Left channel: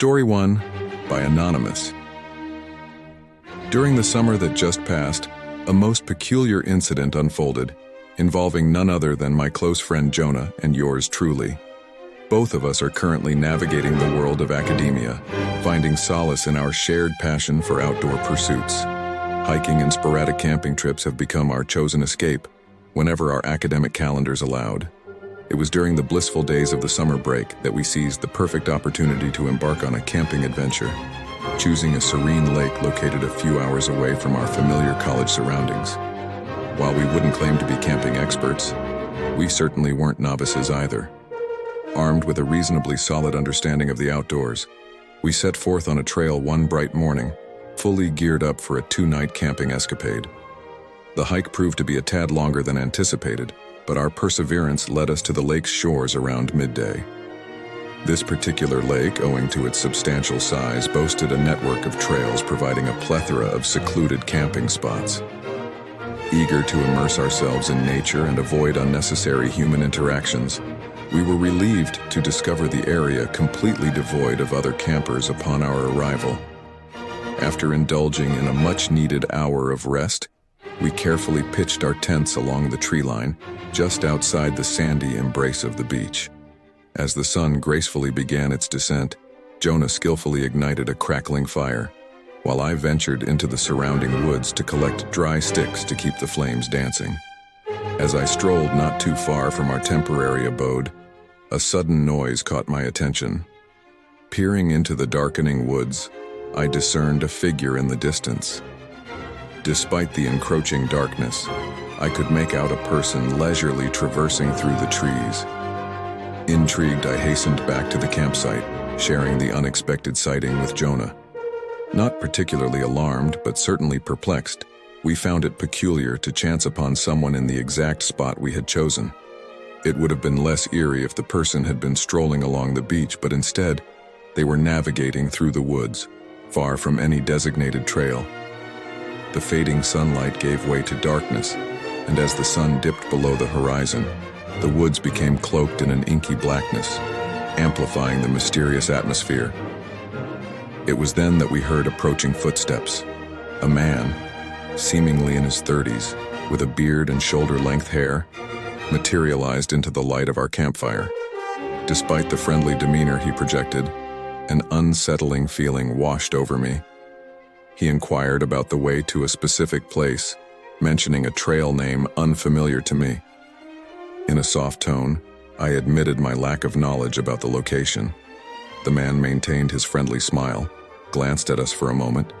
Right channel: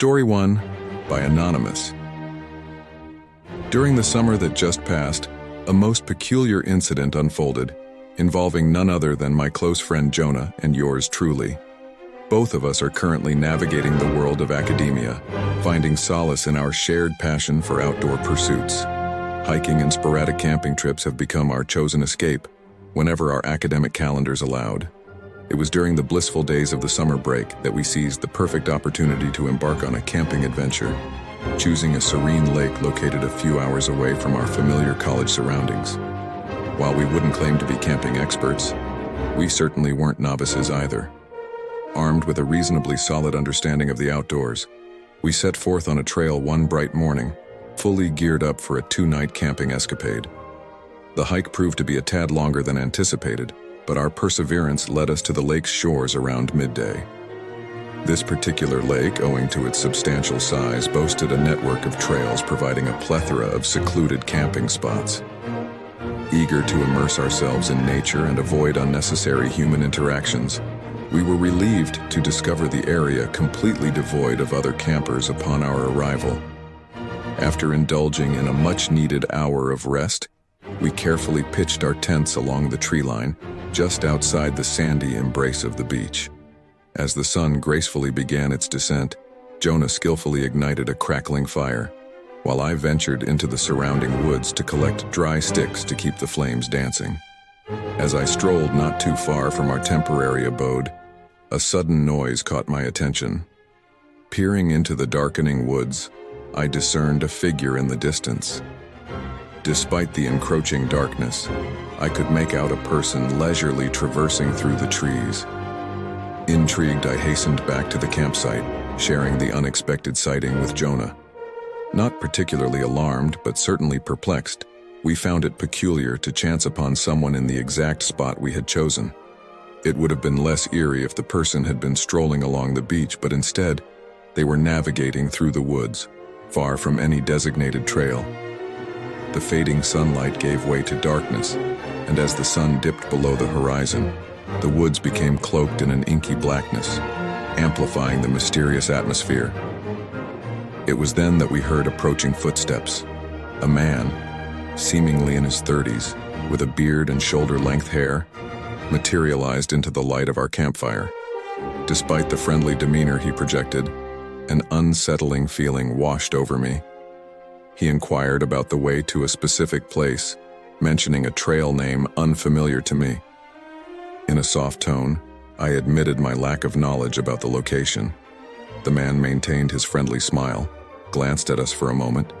Story 1 by Anonymous. During the summer that just passed, a most peculiar incident unfolded, involving none other than my close friend Jonah and yours truly. Both of us are currently navigating the world of academia, finding solace in our shared passion for outdoor pursuits. Hiking and sporadic camping trips have become our chosen escape whenever our academic calendars allowed. It was during the blissful days of the summer break that we seized the perfect opportunity to embark on a camping adventure, choosing a serene lake located a few hours away from our familiar college surroundings. While we wouldn't claim to be camping experts, we certainly weren't novices either. Armed with a reasonably solid understanding of the outdoors, we set forth on a trail one bright morning, fully geared up for a two-night camping escapade. The hike proved to be a tad longer than anticipated, but our perseverance led us to the lake's shores around midday. This particular lake, owing to its substantial size, boasted a network of trails providing a plethora of secluded camping spots. Eager to immerse ourselves in nature and avoid unnecessary human interactions, we were relieved to discover the area completely devoid of other campers upon our arrival. After indulging in a much-needed hour of rest, we carefully pitched our tents along the tree line, just outside the sandy embrace of the beach. As the sun gracefully began its descent, Jonah skillfully ignited a crackling fire, while I ventured into the surrounding woods to collect dry sticks to keep the flames dancing. As I strolled not too far from our temporary abode, a sudden noise caught my attention. Peering into the darkening woods, I discerned a figure in the distance. Despite the encroaching darkness, I could make out a person leisurely traversing through the trees. Intrigued, I hastened back to the campsite, sharing the unexpected sighting with Jonah. Not particularly alarmed, but certainly perplexed, we found it peculiar to chance upon someone in the exact spot we had chosen. It would have been less eerie if the person had been strolling along the beach, but instead, they were navigating through the woods, far from any designated trail. The fading sunlight gave way to darkness, and as the sun dipped below the horizon, the woods became cloaked in an inky blackness, amplifying the mysterious atmosphere. It was then that we heard approaching footsteps. A man, seemingly in his 30s, with a beard and shoulder-length hair, materialized into the light of our campfire. Despite the friendly demeanor he projected, an unsettling feeling washed over me. He inquired about the way to a specific place, mentioning a trail name unfamiliar to me. In a soft tone, I admitted my lack of knowledge about the location. The man maintained his friendly smile, glanced at us for a moment,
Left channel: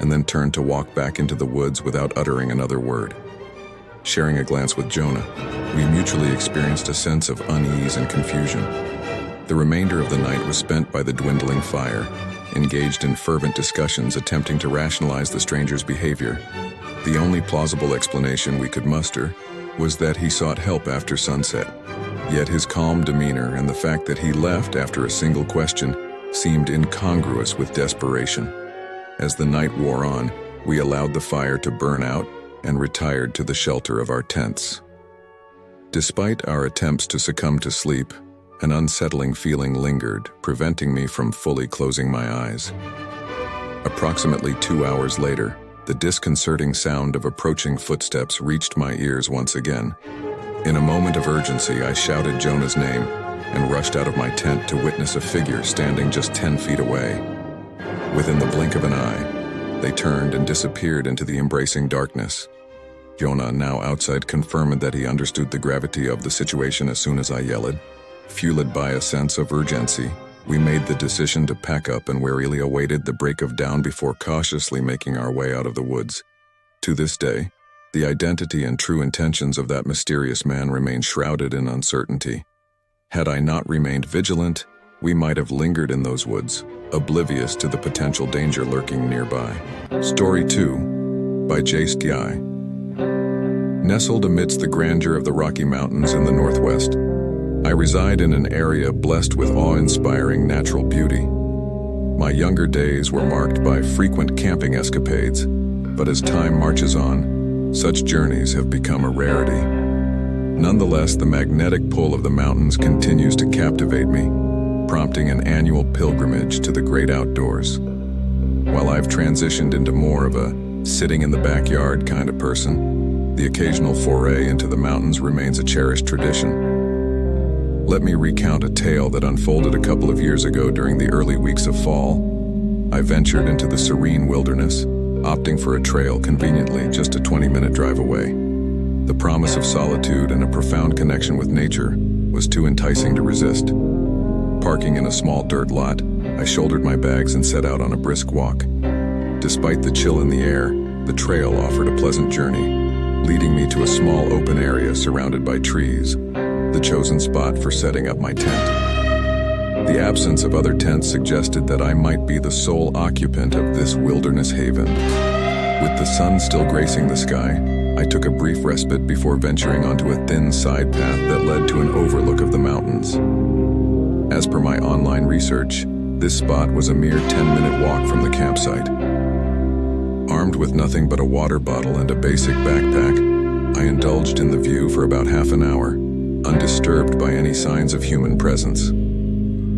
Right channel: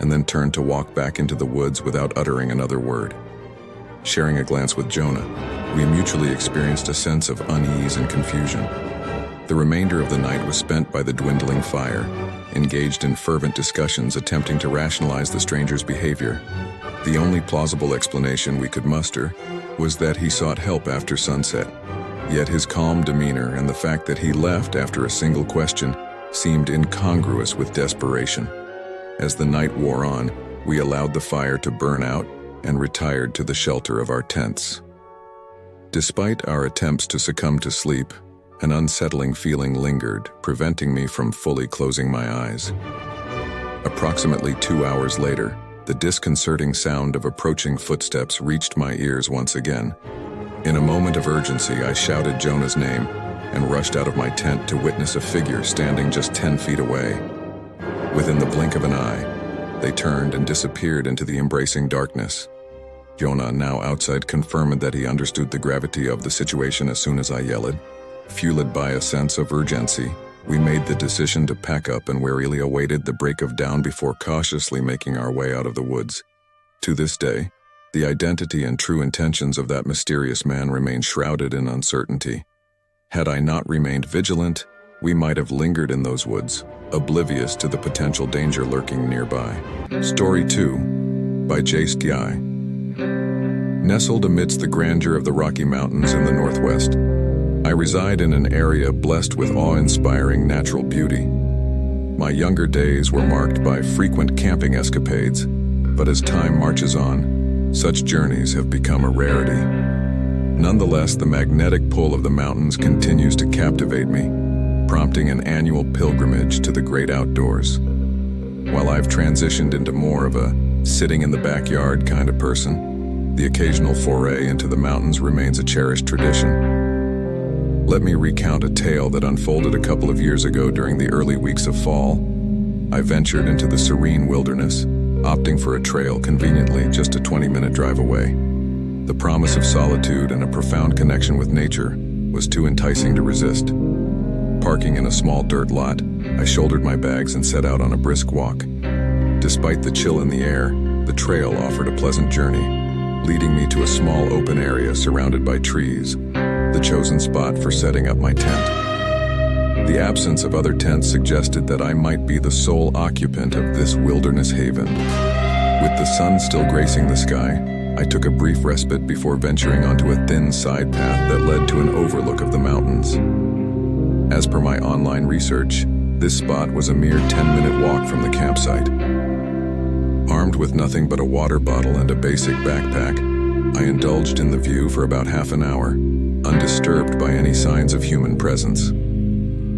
and then turned to walk back into the woods without uttering another word. Sharing a glance with Jonah, we mutually experienced a sense of unease and confusion. The remainder of the night was spent by the dwindling fire, engaged in fervent discussions attempting to rationalize the stranger's behavior. The only plausible explanation we could muster was that he sought help after sunset. Yet his calm demeanor and the fact that he left after a single question seemed incongruous with desperation. As the night wore on, we allowed the fire to burn out and retired to the shelter of our tents. Despite our attempts to succumb to sleep, an unsettling feeling lingered, preventing me from fully closing my eyes. Approximately 2 hours later, the disconcerting sound of approaching footsteps reached my ears once again. In a moment of urgency, I shouted Jonah's name and rushed out of my tent to witness a figure standing just 10 feet away. Within the blink of an eye, they turned and disappeared into the embracing darkness. Jonah, now outside, confirmed that he understood the gravity of the situation as soon as I yelled. Fueled by a sense of urgency, we made the decision to pack up and warily awaited the break of dawn before cautiously making our way out of the woods. To this day, the identity and true intentions of that mysterious man remain shrouded in uncertainty. Had I not remained vigilant, we might have lingered in those woods, oblivious to the potential danger lurking nearby. Story 2 by Jace Guy. Nestled amidst the grandeur of the Rocky Mountains in the Northwest, I reside in an area blessed with awe-inspiring natural beauty. My younger days were marked by frequent camping escapades, but as time marches on, such journeys have become a rarity. Nonetheless, the magnetic pull of the mountains continues to captivate me, prompting an annual pilgrimage to the great outdoors. While I've transitioned into more of a sitting in the backyard kind of person, the occasional foray into the mountains remains a cherished tradition. Let me recount a tale that unfolded a couple of years ago during the early weeks of fall. I ventured into the serene wilderness, opting for a trail conveniently just a 20-minute drive away. The promise of solitude and a profound connection with nature was too enticing to resist. Parking in a small dirt lot, I shouldered my bags and set out on a brisk walk. Despite the chill in the air, the trail offered a pleasant journey, leading me to a small open area surrounded by trees, the chosen spot for setting up my tent. The absence of other tents suggested that I might be the sole occupant of this wilderness haven. With the sun still gracing the sky, I took a brief respite before venturing onto a thin side path that led to an overlook of the mountains. As per my online research, this spot was a mere 10-minute walk from the campsite. Armed with nothing but a water bottle and a basic backpack, I indulged in the view for about half an hour, undisturbed by any signs of human presence.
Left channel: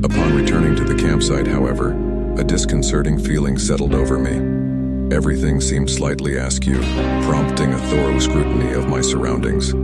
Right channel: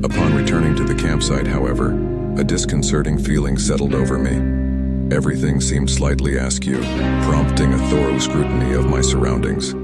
Upon returning to the campsite, however, a disconcerting feeling settled over me. Everything seemed slightly askew, prompting a thorough scrutiny of my surroundings.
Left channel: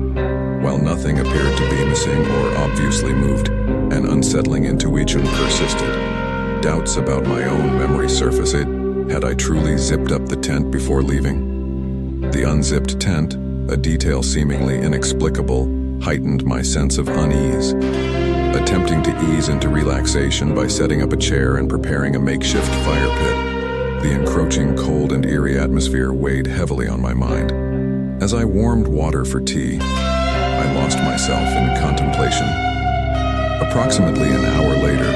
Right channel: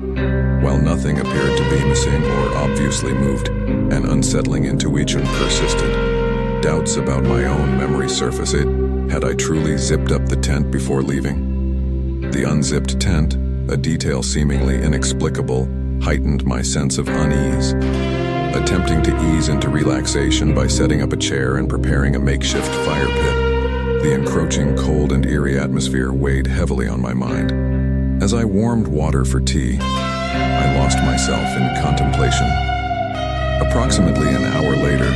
While nothing appeared to be missing or obviously moved, an unsettling intuition persisted. Doubts about my own memory surfaced. Had I truly zipped up the tent before leaving? The unzipped tent, a detail seemingly inexplicable, heightened my sense of unease. Attempting to ease into relaxation by setting up a chair and preparing a makeshift fire pit, the encroaching cold and eerie atmosphere weighed heavily on my mind. As I warmed water for tea, I lost myself in contemplation. Approximately an hour later,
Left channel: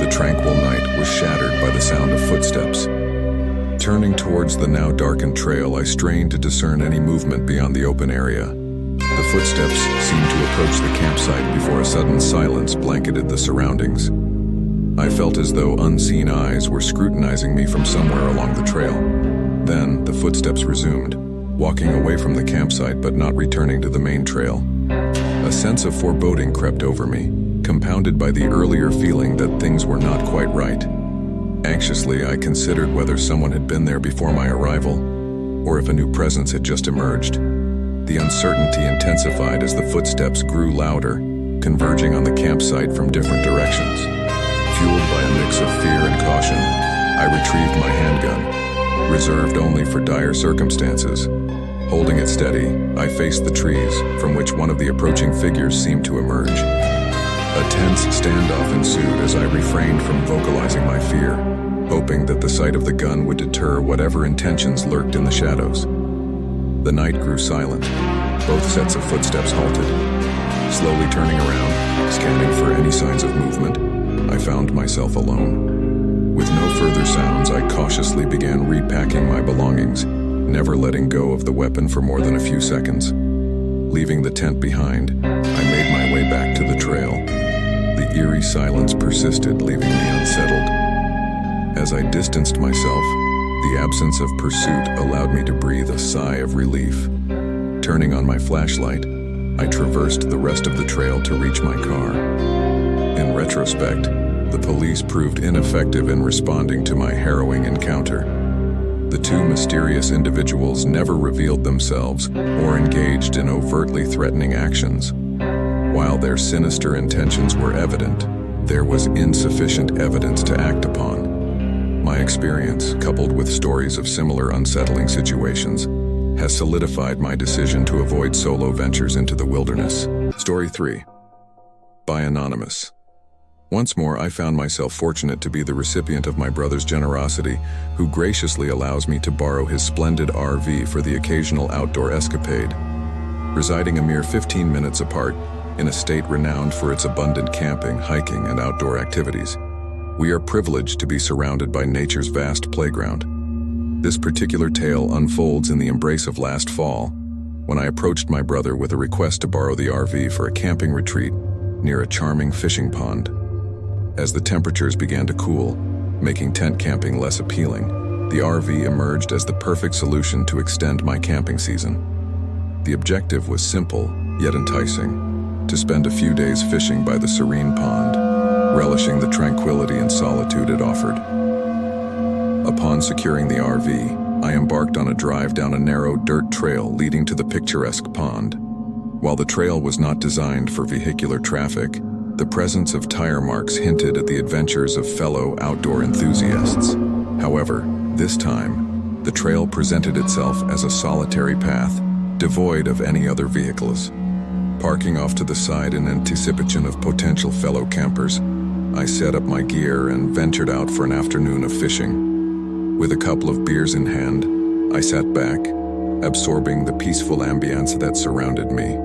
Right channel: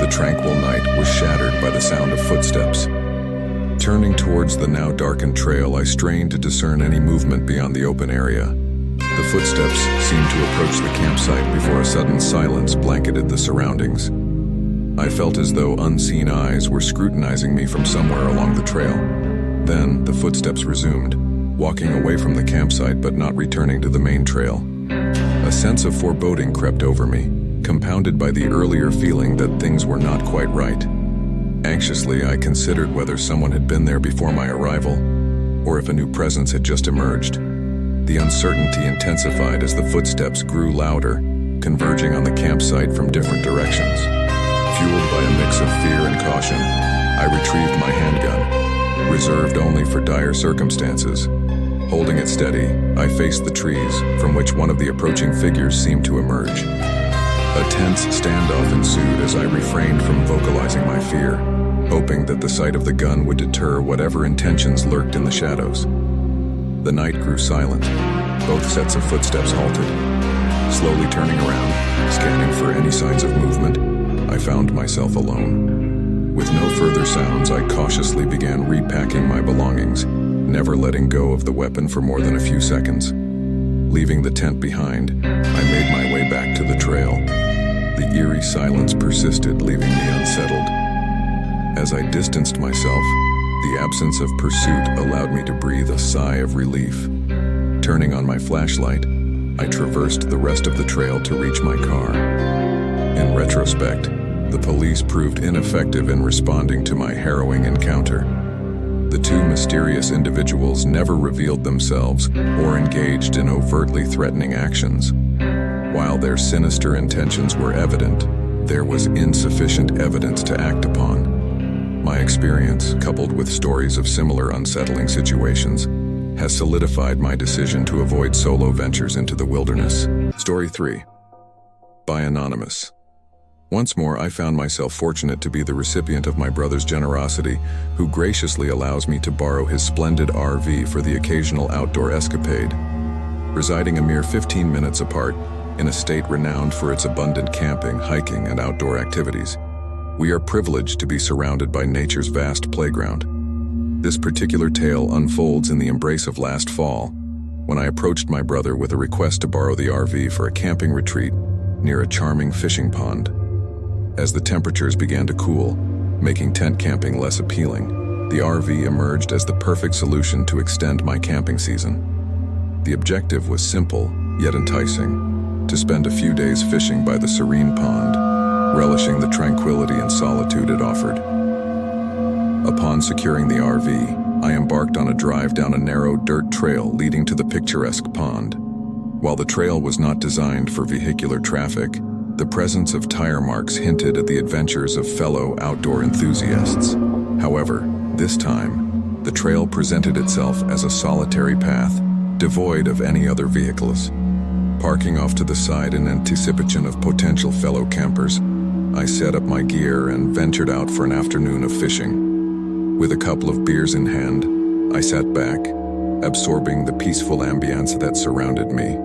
the tranquil night was shattered by the sound of footsteps. Turning towards the now darkened trail, I strained to discern any movement beyond the open area. The footsteps seemed to approach the campsite before a sudden silence blanketed the surroundings. I felt as though unseen eyes were scrutinizing me from somewhere along the trail. Then the footsteps resumed, walking away from the campsite but not returning to the main trail. A sense of foreboding crept over me, compounded by the earlier feeling that things were not quite right. Anxiously, I considered whether someone had been there before my arrival, or if a new presence had just emerged. The uncertainty intensified as the footsteps grew louder, converging on the campsite from different directions. Fueled by a mix of fear and caution, I retrieved my handgun, reserved only for dire circumstances. Holding it steady, I faced the trees, from which one of the approaching figures seemed to emerge. A tense standoff ensued as I refrained from vocalizing my fear, hoping that the sight of the gun would deter whatever intentions lurked in the shadows. The night grew silent. Both sets of footsteps halted. Slowly turning around, scanning for any signs of movement, I found myself alone. With no further sounds, I cautiously began repacking my belongings, never letting go of the weapon for more than a few seconds. Leaving the tent behind, I made my way back to the trail. The eerie silence persisted, leaving me unsettled. As I distanced myself, the absence of pursuit allowed me to breathe a sigh of relief. Turning on my flashlight, I traversed the rest of the trail to reach my car. In retrospect, the police proved ineffective in responding to my harrowing encounter. The two mysterious individuals never revealed themselves or engaged in overtly threatening actions. While their sinister intentions were evident, there was insufficient evidence to act upon. My experience, coupled with stories of similar unsettling situations, has solidified my decision to avoid solo ventures into the wilderness. Story 3. By Anonymous. Once more, I found myself fortunate to be the recipient of my brother's generosity, who graciously allows me to borrow his splendid RV for the occasional outdoor escapade. Residing a mere 15 minutes apart, in a state renowned for its abundant camping, hiking, and outdoor activities, we are privileged to be surrounded by nature's vast playground. This particular tale unfolds in the embrace of last fall, when I approached my brother with a request to borrow the RV for a camping retreat near a charming fishing pond. As the temperatures began to cool, making tent camping less appealing, the RV emerged as the perfect solution to extend my camping season. The objective was simple, yet enticing: to spend a few days fishing by the serene pond. relishing the tranquility and solitude it offered. Upon securing the RV, I embarked on a drive down a narrow dirt trail leading to the picturesque pond. While the trail was not designed for vehicular traffic, the presence of tire marks hinted at the adventures of fellow outdoor enthusiasts. However, this time, the trail presented itself as a solitary path, devoid of any other vehicles. Parking off to the side in anticipation of potential fellow campers, I set up my gear and ventured out for an afternoon of fishing. With a couple of beers in hand, I sat back, absorbing the peaceful ambience that surrounded me.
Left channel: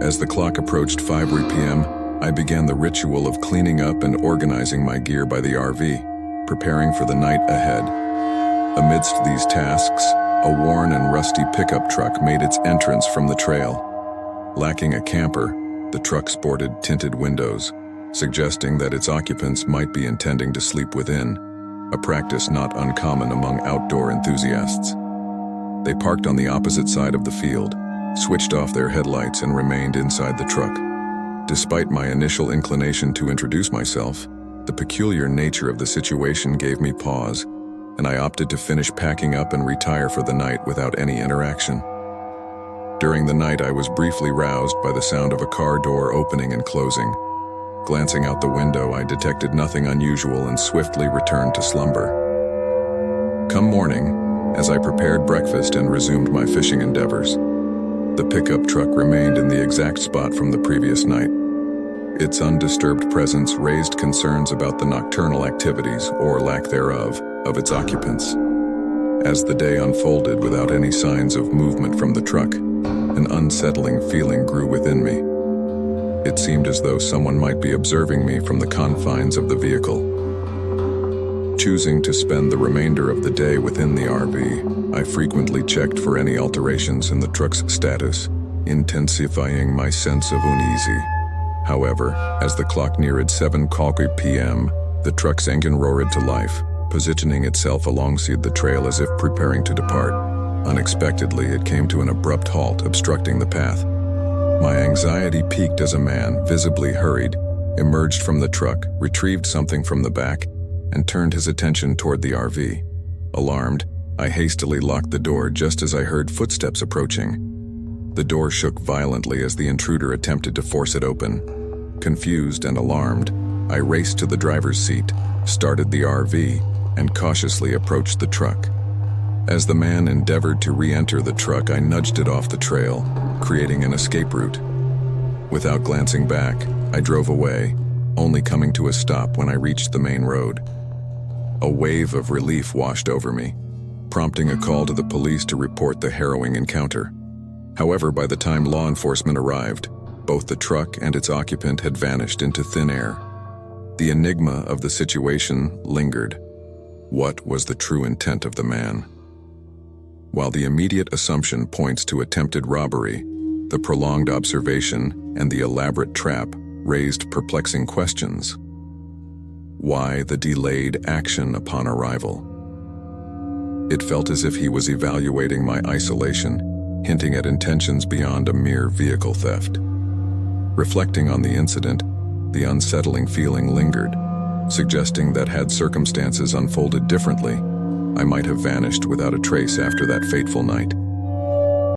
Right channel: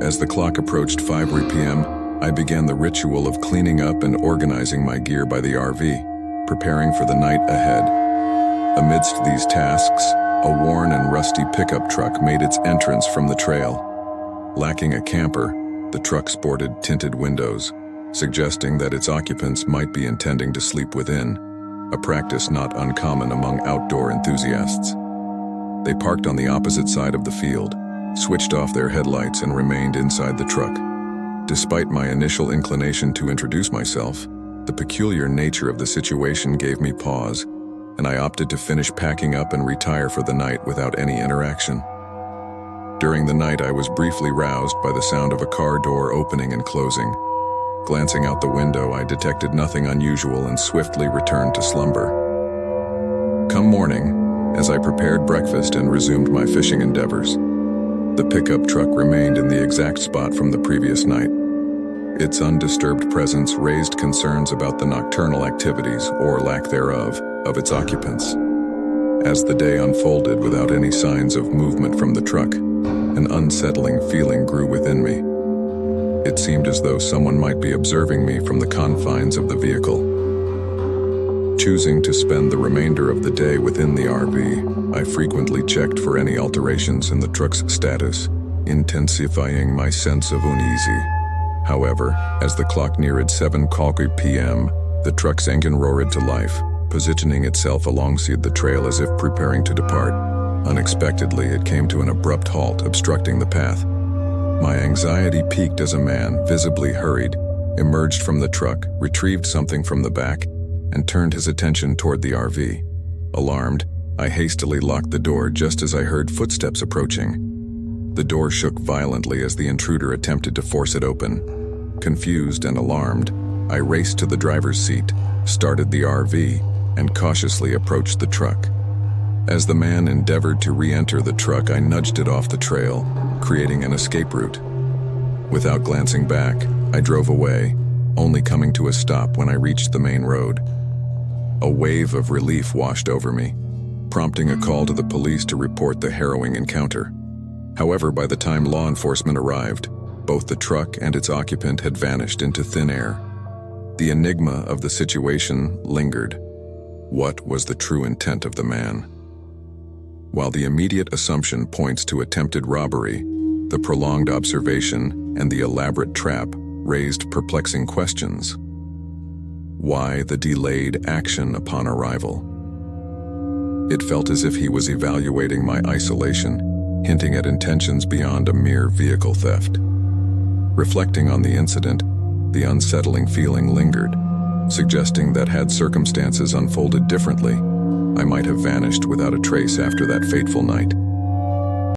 As the clock approached 5 p.m., I began the ritual of cleaning up and organizing my gear by the RV, preparing for the night ahead. Amidst these tasks, a worn and rusty pickup truck made its entrance from the trail. Lacking a camper, the truck sported tinted windows, suggesting that its occupants might be intending to sleep within, a practice not uncommon among outdoor enthusiasts. They parked on the opposite side of the field, switched off their headlights and remained inside the truck. Despite my initial inclination to introduce myself, the peculiar nature of the situation gave me pause, and I opted to finish packing up and retire for the night without any interaction. During the night, I was briefly roused by the sound of a car door opening and closing. Glancing out the window, I detected nothing unusual and swiftly returned to slumber. Come morning, as I prepared breakfast and resumed my fishing endeavors, the pickup truck remained in the exact spot from the previous night. Its undisturbed presence raised concerns about the nocturnal activities, or lack thereof, of its occupants. As the day unfolded without any signs of movement from the truck, an unsettling feeling grew within me. It seemed as though someone might be observing me from the confines of the vehicle. Choosing to spend the remainder of the day within the RV, I frequently checked for any alterations in the truck's status, intensifying my sense of uneasy. However, as the clock neared 7 p.m., the truck's engine roared to life, positioning itself alongside the trail as if preparing to depart. Unexpectedly, it came to an abrupt halt, obstructing the path. My anxiety peaked as a man, visibly hurried, emerged from the truck, retrieved something from the back, and turned his attention toward the RV. Alarmed, I hastily locked the door just as I heard footsteps approaching. The door shook violently as the intruder attempted to force it open. Confused and alarmed, I raced to the driver's seat, started the RV, and cautiously approached the truck. As the man endeavored to re-enter the truck, I nudged it off the trail, creating an escape route. Without glancing back, I drove away, only coming to a stop when I reached the main road. A wave of relief washed over me, prompting a call to the police to report the harrowing encounter. However, by the time law enforcement arrived, both the truck and its occupant had vanished into thin air. The enigma of the situation lingered. What was the true intent of the man? While the immediate assumption points to attempted robbery, the prolonged observation and the elaborate trap raised perplexing questions. Why the delayed action upon arrival? It felt as if he was evaluating my isolation, hinting at intentions beyond a mere vehicle theft. Reflecting on the incident, the unsettling feeling lingered, suggesting that had circumstances unfolded differently, I might have vanished without a trace after that fateful night.